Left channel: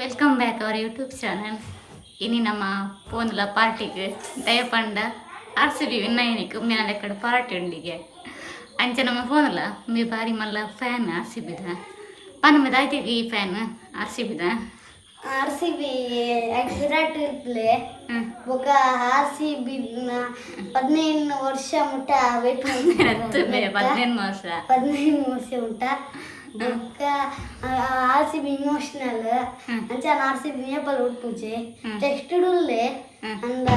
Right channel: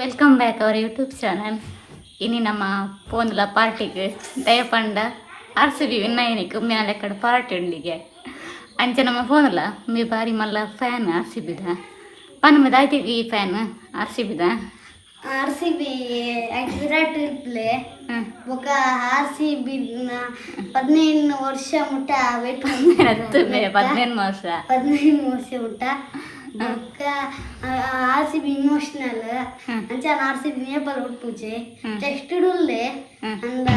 Welcome back our YouTube channel ಇನಿ ನಮ್ಮ ಪೋನ್ಲ ಪಾರ್ಟಿಗೆ ದಯಪಂಡ ಆರ್ ಸಿ ಬಿ ವಿನ್ನಾಯನಿಗೆ ಮ್ಯಾಲೆ ಕಡೆ ಪಾರ್ಟಿ ಉಂಡಿಗೆ. ಅಂಚೆ ನಮ್ಮ ಫೋನ್ಲ ಮೀ ಬಾರಿ ಮಲ್ಲ ಫ್ಯಾನ್ ಆರ್ ಸಿ ಬಿದ ಪನ್ ಮಿದಾಯ್ತಿ ಈ fan R C ಬಿದ R C B Virat play ಬೊಕ ಆರ್ ಸಿ ಬಿ ಹದಿನೈದು ವರ್ಷ ಮುಟ್ಟ ಬೇಕು ಹದಿನೈದು ವರ್ಷ. ಹದಿನೈದು ವರ್ಷ ಮುಟ್ಟ. आरसीबी इमोशनल अच्छा आरसीबी में पल उठ पूछे टेस्ट डूल ले अंद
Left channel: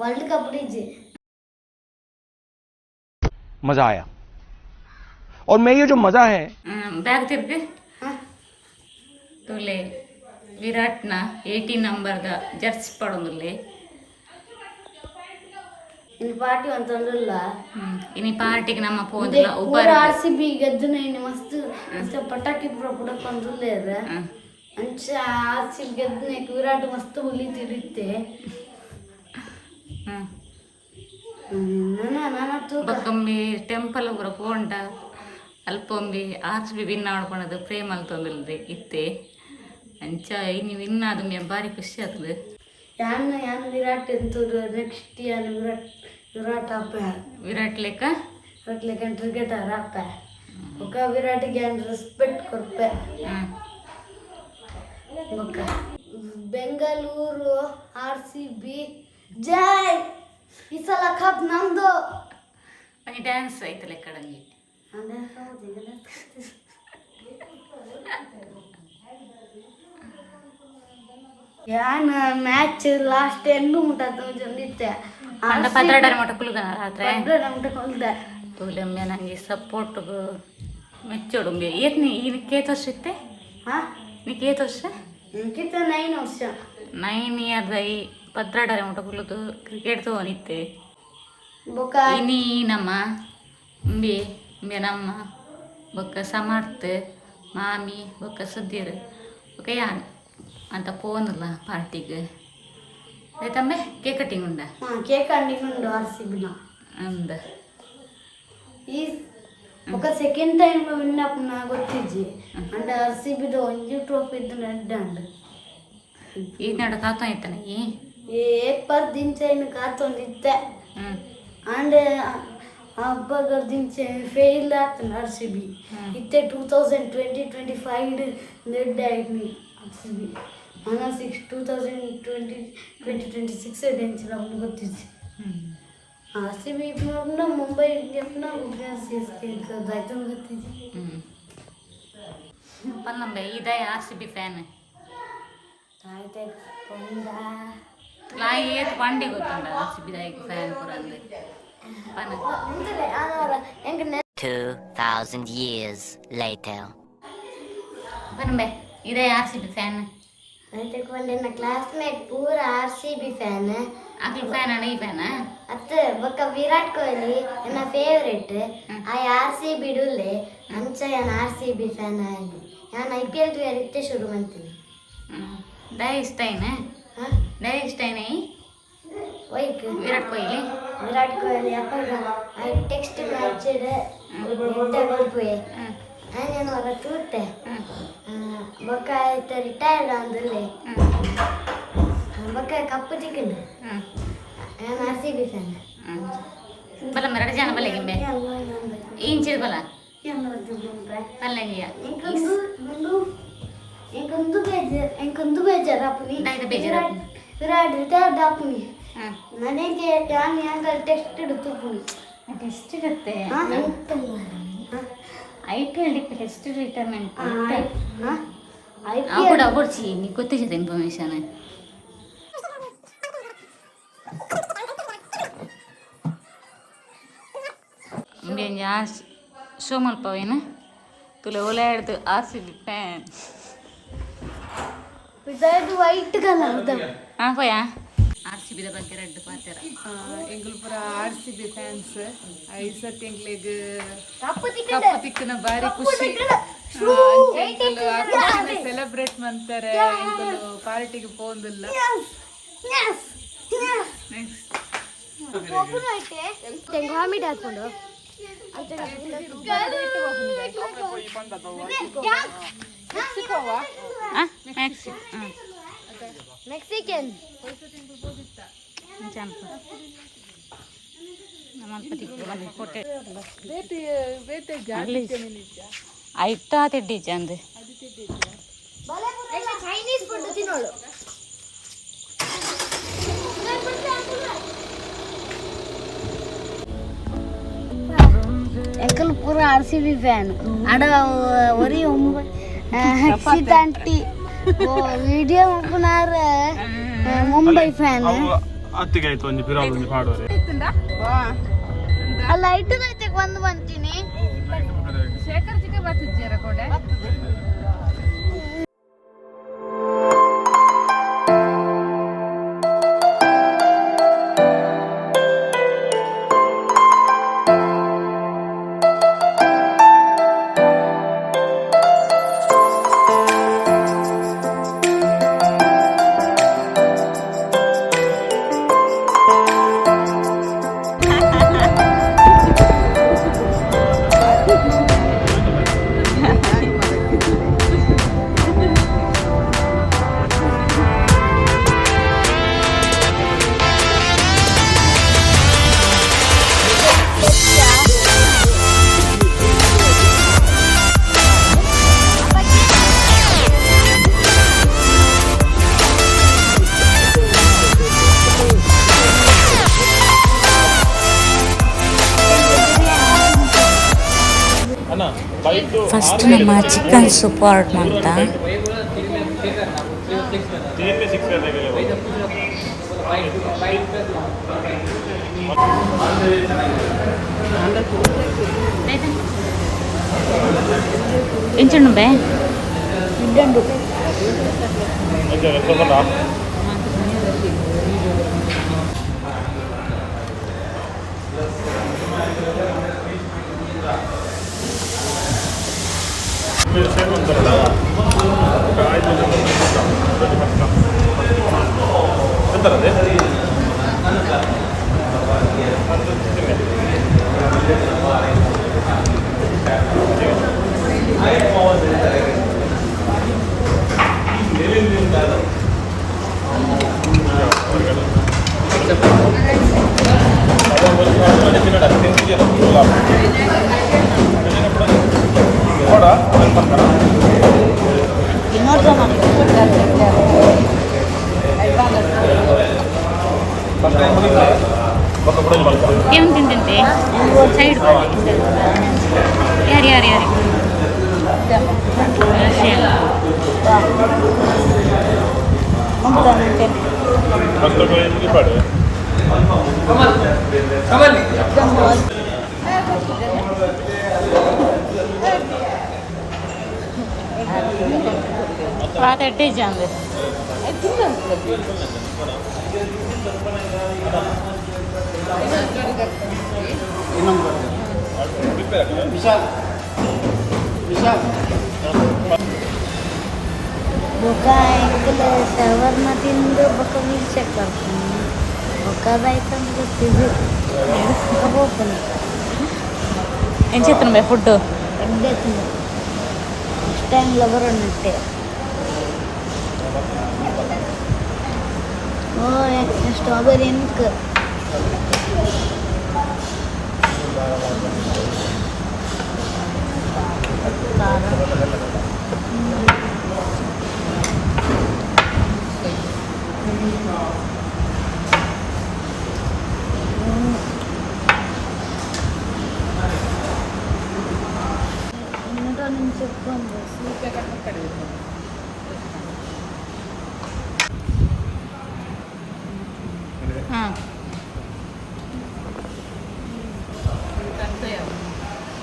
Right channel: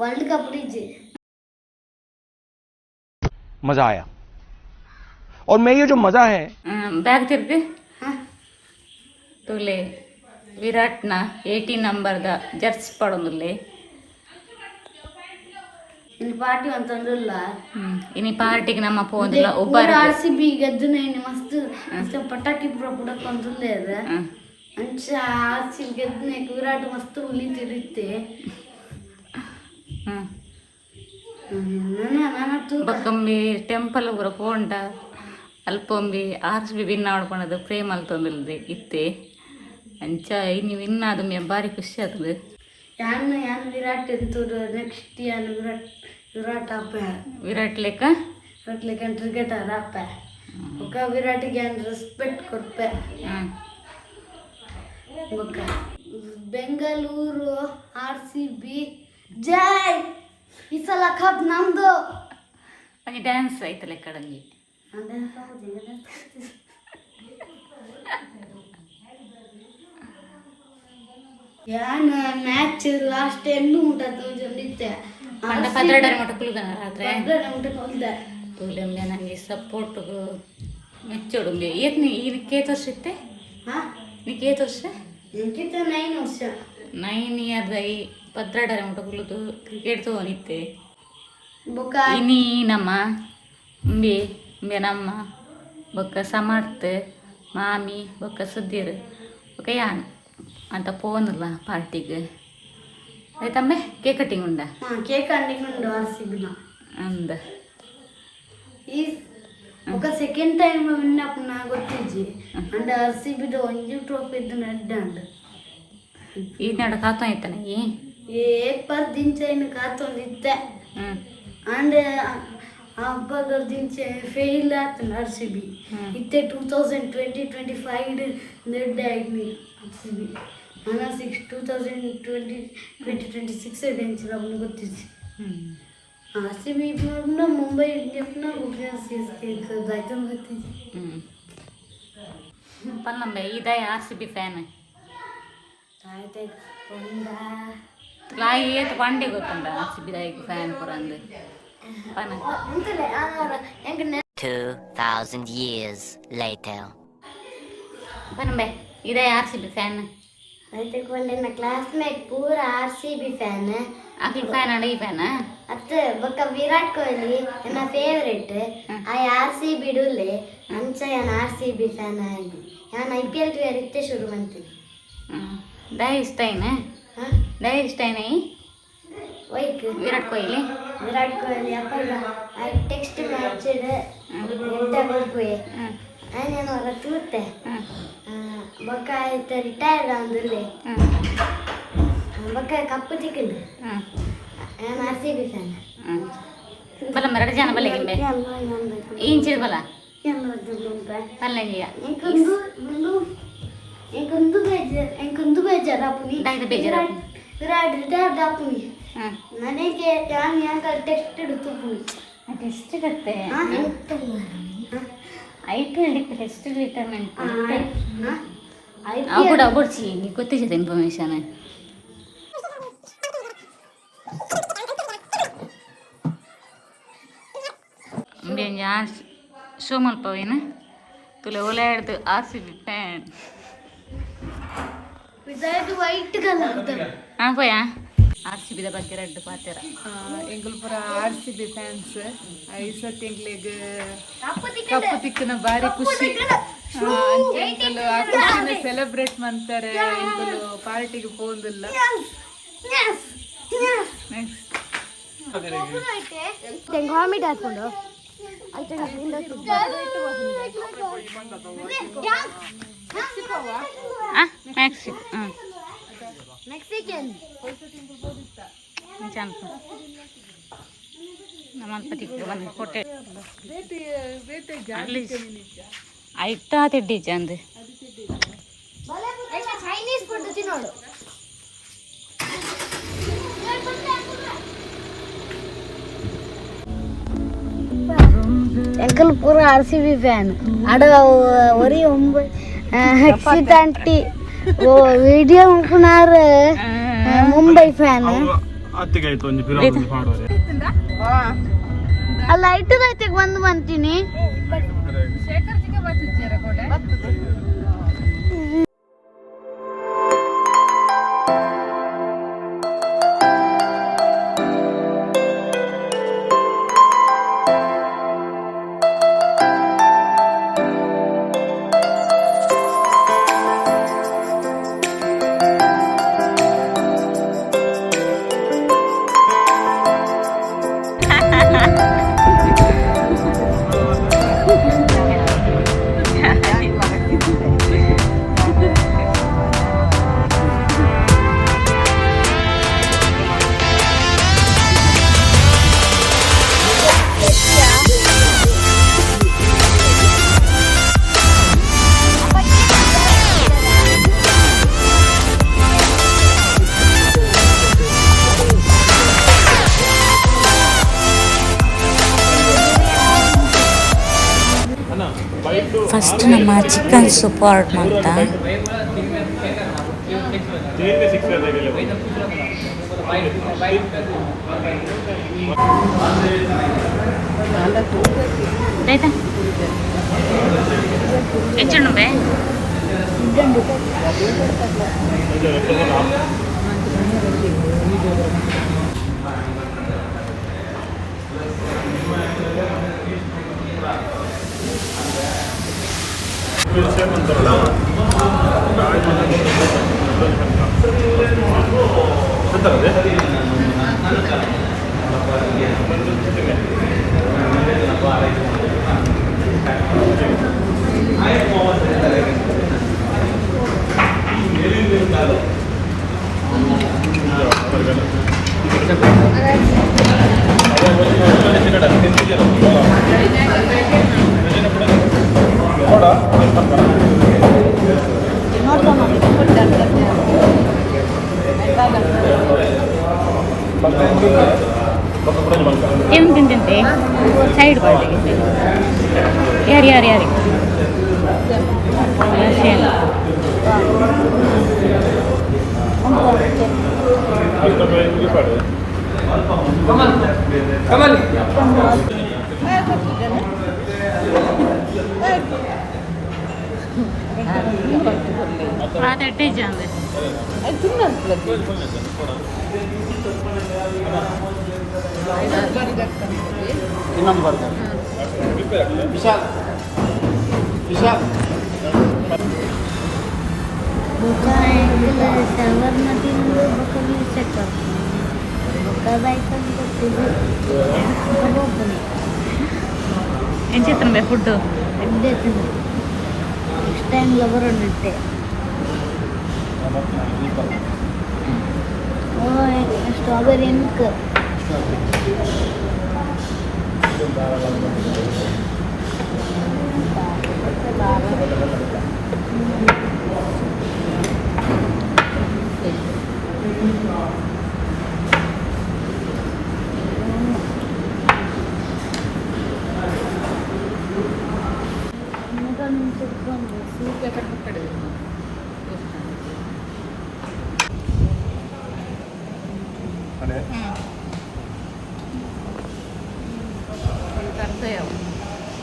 वर्ल्ड कप रीजे मज़ा आया। और मैं ये जो मज़ा है। बैग चिर के तो ले विराट ना 80 नंबर का जर्सी पड़न ले ಇಲ್ ಪಾರ್ಟಿ ಅಂತಂದಿಲ್ಲ ಇನಿ ಪಾರ್ಟಿಗೆ ನಮ್ಮ ಪೋಂದಿಲ್ಲ ಒಬ್ಬರ ಆರ್ ಸಿ ಬಿ ಗೆದ್ದು ಮಸ್ತ್ ಪಟಾಕಿ ಪುರ ಪುಡಕ್ ಅಂತಂದೇ ಅದ. ಅಂಚ ಆರ್ ಸಿ ಬಿ ಗೆದ್ದು ವಿರಾಟ್ ಮಸ್ತ್ ಉಳಿತಿರುತ್ತೆ. ಬಕ್ಕಂಬಿ ಟೆಂಪಲ್ ಪೂರ ಪೋಂಡ ಅಲ್ಪೊಂಬಿ ಆರ್ ಸಿ ಬಿ ವಿನ್ ಮಾಡ್ಕೊಂಡದು ಪ್ರೇಮ್ ಅಲ್ತೊಂದಿಲ್ದೆ ಇತ್ತೆ. ಅಂಚ ಇನ್ನು ವಿನ್ ಆದ ಬಾರಿ ಖುಷಿ ಆಗ್ತದೆ. ಯಾನ್ ಯಾನ್ ವಿರಾಟ್ ಎಂತೂ ನೆಕ್ಸ್ಟ್ ಯಾನ್ ವಿರಾಟ್ ವಿರಾಟ್ ಅಪ್ಪ ವಿರಾಟ್ ಲೆಕ್ಕ? ವಿರಾಟ್ ಲೆಕ್ಕ ಕ್ರಿಕೆಟ್ ಅಪ್ಪ ಬೊಕ್ಕ ವಿರಾಟಿಗೆ ಯಾನ್ ರೆಸ್ಪೆಕ್ಟ್ ಕೊಡ್ಪೆ. ಬೊಕ್ಕ ಬೆಂಗಳೂರು ಆರ್ ಸಿ ಬಿ. ಜೈ! ಈ ಸಲ ಕಪ್ ನಮ್ದು. ಡ್ಯಾನ್ಸ್ ಆಯ್ತಲ್ಲ ಕಡಲ್ಲಿ? ಯಾನ್ ಮ್ಯಾಚ್ ಲಾಸ್ಟ್ ಎಂಡ್ ಮುಟ್ಟದ ನಿತ್ಯ. ಪಂಡ ಪತ್ರಡ ಮಟ್ಟ ಕುಲುಗನ ರಾತ್ರಿ? ಮುಟ್ಟಕೊಂಡ ತೂಲೆಂಬೆ ನನಗೆ ಸಪೋರ್ಟ್ ಮೆಚ್ಚೋಡುಂಬೆ. ಏತ್ ನೀ ಇದು ಕೇತ್ ವರ್ಷ ಇತ್ತೆ? ಹಾ ನೀ ಏತ್ ವರ್ಷ? ಇಂಕಿತ ನೈನ್ ವರ್ಷ. ನೈನ್ ಇಯರ್ ದೈ ಮಟ ಕುಲುದು ಕ್ರಿಕೆಟ್ ತಗೊಂಡಿತ್ತೆ ಬೊಕ ಇನಿ ನಮ್ಮ ಉಂಬಿ ಉಂಬೆ ನಮ್ಮ ಬೊಕ್ಕ ಸಮರ್ಥ ಮಾಮಿ ಬೊಕ್ಕ ಸುದ್ದಿರ್ ಬೊಕ್ಕ ಯಾನ್? ಅಂತ పోనుల పార్టీకి అయితే కేక్ కటింగ్ ఉందా కేక్ కటింగ్ ఉండు అరిసిబిన అంద ఈ ఒక సెకండ్ టైం విన్నప్పుడు నాకు వచ్చింది అంటే అరిసిబిదో ఒంజి ట్రోఫీ ఇద్దు నడ్డ అండి ఈ నడ కాతం అయితేనే ఏ పర్దించైన కాతం ఇద్దే అండ్ ಹಬ್ಬ ಗರ್ಜಿಂಚೆ ಫೇಲ್ ಆತನ ಆರ್ ಸಿ ಬಿ ಇತ್ತೆ two thousand twenty twenty five ನೆಡ್ ಆಯ್ತು ಆರ್ ಸಿ ಬಿ ನಾನು six two thousand twenty twenty twenty six tensile ಅವನು ಗೊತ್ತಿದ್ದೆ ಆರ್ ಸಿ ಬಿ ಇಬ್ಬರನ್ನ ಮುಂಬೈ ಇಂಡಿಯನ್ನ ಗುಜರಾತ್ ಸೇರಿಸ್ತಿದ್ದು ಆಯ್ತು ಗೊತ್ತಿದ್ದೆ ಪನ್ನಂಬೆ ಇದೇ ಆರ್ ಸಿ ಬಿ ಫ್ಯಾನ್? ಲಾಯಿ ಏತ್ ಪಂಡೆ ಗೊತ್ತುಂಟ ಆರ್ ಸಿ ಬಿ ದಾಯಿಗೆ ಫ್ಯಾನ್ ಪುರ ಅಂದ್ರೆ ಪನ್ನ 2000 years later. ಪನ್ನಂಬೆ ಇದೇ ಆರ್ ಸಿ ಬಿ ಫ್ಯಾನ್? ಬೈತಕೊಂಡೆ ನನ್ನ ಕ್ಲಾಸ್ಮೇಟ್ ಪೂರ ಆರ್ ಸಿ ಬಿ ಫ್ಯಾನ್ ಅಕ್ಲ ಫ್ಯಾನ್ ಅಡ ಈ ಫ್ಯಾನ್ ಅತ್ತ ಬೊಕ್ಕ ವಿರಾಟ್ ಕೊಹ್ಲಿ ನನ್ನ ಫೇವ್ರೇಟ್ ಆ ಆರ್ ಸಿ ಬಿ ಡುಲೆ ಅಂಚ ಯಾನ್ ಆರ್ ಸಿ ಬಿ ಫ್ಯಾನ್ ಆಗಿ. ಯಾನ್ ಐ ಪಿ ಎಲ್ ಟೂಯರ್ ಇತ್ತೆ ಶುರು ಮಾಡ್ತೀನಿ. ದೈ ಇಷ್ಟ ಏನ ದೈ ಇಷ್ಟ ಏನ ವೈಕ್. ವಿರಾಟ್ ಕೊಹ್ಲಿ? ವಿರಾಟ್ ಕೊಹ್ಲಿ ಅಪ್ಪಗ ಐ ಟೆಕ್ಸ್ಟ್ ಮ್ಯಾಚ್ ಇದೆ ಎಂಟ ಗೋಲ್ ಆ ನಾನು ಅವರ ತೂತೆ ಹ್ಞೂ നമുക്ക് റിട്ടയർഡ് ആണെന്നല്ലേ നമുക്ക് കപ്പ് ചിക്കൻ ഞാൻ ആർ സി ബി ഫാൻ ಬಲ ಮರಡ ಜನ ಬಲ ಗಿಂಬೆ ಏನ್ ಚಿರ ಬಲ ಬಲ್ಲ ನೀಯ ಎಂಕೊಂದು ಬೇಜಾರ್ ಎಂಕೊಂದು ಬೇಜಾರ್ ಅಪ್ಪನಿ ಡೈದ ಬೇಜಾರ್ ವಿರಾಟ್ ವಿರಾಟ್ ಅಪ್ಪನಿ ನನಗೆ ನಾನು ಹೆಂಗ ಟೆಸ್ಟ್ ಇಡುತ್ತು ಪುನಿ ಟೆಸ್ಟ್ ಇರುತ್ತೆ ಐಟಲ್ ಟೆಸ್ಟ್ ಡಿಟರ್ಮೆಂಟ್ ಹಾ? ಐ ಅವು ಕೂಡ ಕೊಡ್ಸಿ ನೀನು ಗೊತ್ತಿದೆ ಇನ್ಫಾರ್ಮೇಶನ್ ಯಾರು ಶೋ ಮಲ್ಪವೇನು ತುಲೆ ಒಲೆ ಹಿಡ್ದು R C B fan Vijay white గా నమ్ముతాడు ಹಾಂ ಪೋಯ ಆರ್ ಸಿ ಬಿದ ಬಗ್ಗೆ ರೆಡ್ ಪಾತಿರ ಎಂಗುಲ್ ಪೂರ ಆರ್ ಸಿ ಬಿ ಫ್ಯಾನ್ಸ್ ಈ ಸತಿ ಎಂಗ್ಲಿಗ್ ಕಪ್ಪು ಕಪ್ಪು ತಿಕ್ಕನ ಬಾರಿ ಖುಷಿ ಆ, ಅಂಚೆ ಎಂಕಲು ಆ ಖುಷಿನ ಸೆಲೆಬ್ರೇಟ್ ಮಾಡ್ತಾರೆ. ಎಂಕಲು ಪಾರ್ಟಿಗೆ ಪೋದಿಲ್ಲ ಮೆಕ್ಸಿಕನ್ ನಮ್ಮ ಪತಿ ಕೊಟ್ಟೆ. ಆಯ್ತಾ ತಿಡ್ಡಿ ಚಂದ ಚೈನೀಸ್ ಫುಡ್ ತಿನ್ನೋಳು ಎಂಕಲ್ ಪೂರ ಆರ್ ಸಿ ಬಿ ಫ್ಯಾನ್ ಅಡ ಒರಿ ಒಂಬ ಹಕ್ಷಿತ ಆಂಟಿ ಓ ವಿಡಿಯೋ ಮುಪ್ಪನಾರ ಮುಂಬೈ ಫ್ಯಾನ್ ಅತ್ತಿಗೆ ಆಯ್ತು ಒಂದು ಪಿರಾವಳಿ ಪಾಡುವರೆ ಅಲ್ಲ ಶೇಖರ್ ಚಿಕ್ಕ ಬರ್ತಿದ್ದೀರ ಫಸ್ಟ್ ನಮ್ಮ ಚಿಕನ್ ಸೂಪ್ ಆರ್ಡ್ರ್ ಅಂತ ಎಂಚಣ್ಣು ಬೇ చేసేయమంటారా ఒక ఐదు వందల ರಷ್ಯನ್ ಪಾತಟ್ಟೆ ಚಂದ ಬೊಕ್ಕ ബൊക്ക സർവർണത്തിന്റെ ബൊക്ക വീഴ്ചയൊക്കെ എനിക്ക് എത്ര രൂപ ഫുഡ് എന്റെ ഇഷ്ടം ലവർ ഉണ്ട് സ്ട്രോബെറി എനിക്ക്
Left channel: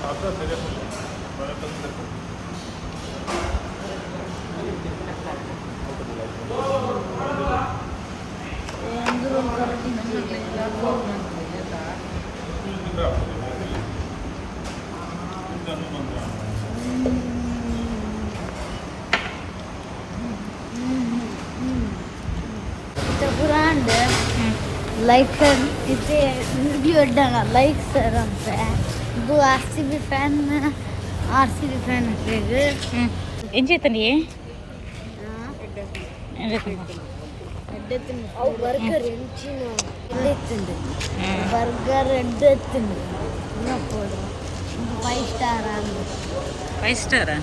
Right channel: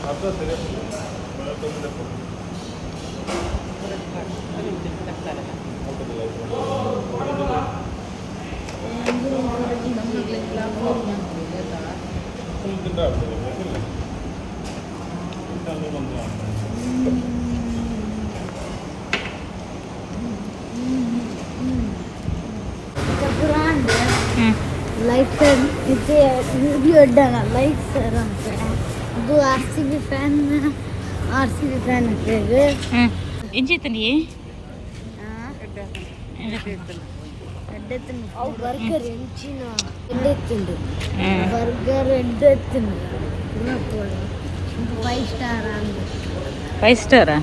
അത്ര തിരക്കുള്ളൂ വെള്ളത്തിൽ തിരക്കുള്ളൂ ಲೈಕ್ ಸರ್ ಇದೆ ವಿಡಿಯೋ ಇಡ್ಡೋಣ ಲೈಕ್ ಸರ್ ಅಂತ ಇದು ಆರ್ ಸಿ ಬಿ ಫ್ಯಾನ್ ఆర్సీది ట్రైన్ ఏం చేతండి బర్గర్ ఎంచింది బర్గర్ ఎండెత్తుంది ఉన్నప్పుడు ఫైవ్ స్టార్ అండి ఫైవ్ స్టారా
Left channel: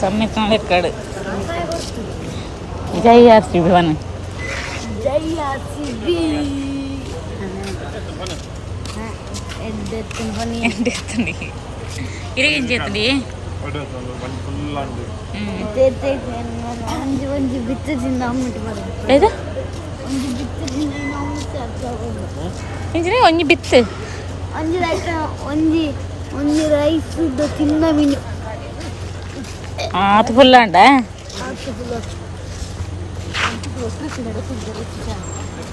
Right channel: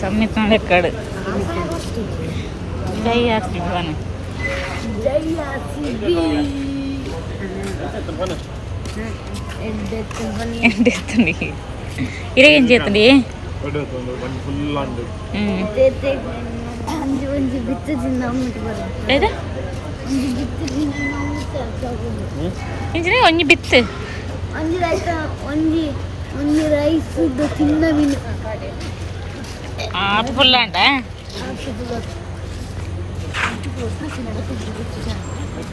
సమ్మితం ఎక్కడు జై ఆర్సీబీ వన్ జై ఆర్సీబీ ಎಡ್ಡೆತ್ತು ಬನ್ನಿ ఏంటి ఎత్తండి ఇరే ఏం చేతండి ಒಂದು ಮಂಜು ಫುಲ್ ಅಂಡು ಒಂಜಿ ಒಂಜಿ ಬಿತ್ತು ತಿಂದ ಅಮ್ಮಟ್ಟು ಬರೋದು లేదా ಒಂಜಿ ಬಿತ್ತು ತಿಂದ ಅಮ್ಮಟ್ಟು ತಗೊಂಡು ఏంటి ఒంజి బిత్తు ಒಂಜಿ ರೈಸ್ ಒಂಜಿ ಒಂಜಿ ರೈಸ್ ತಿನ್ನ ಮೀನು ఆత పుల్ల అంట ಹುಡುಗರಪ್ಪ ಇದೆ Спасибо.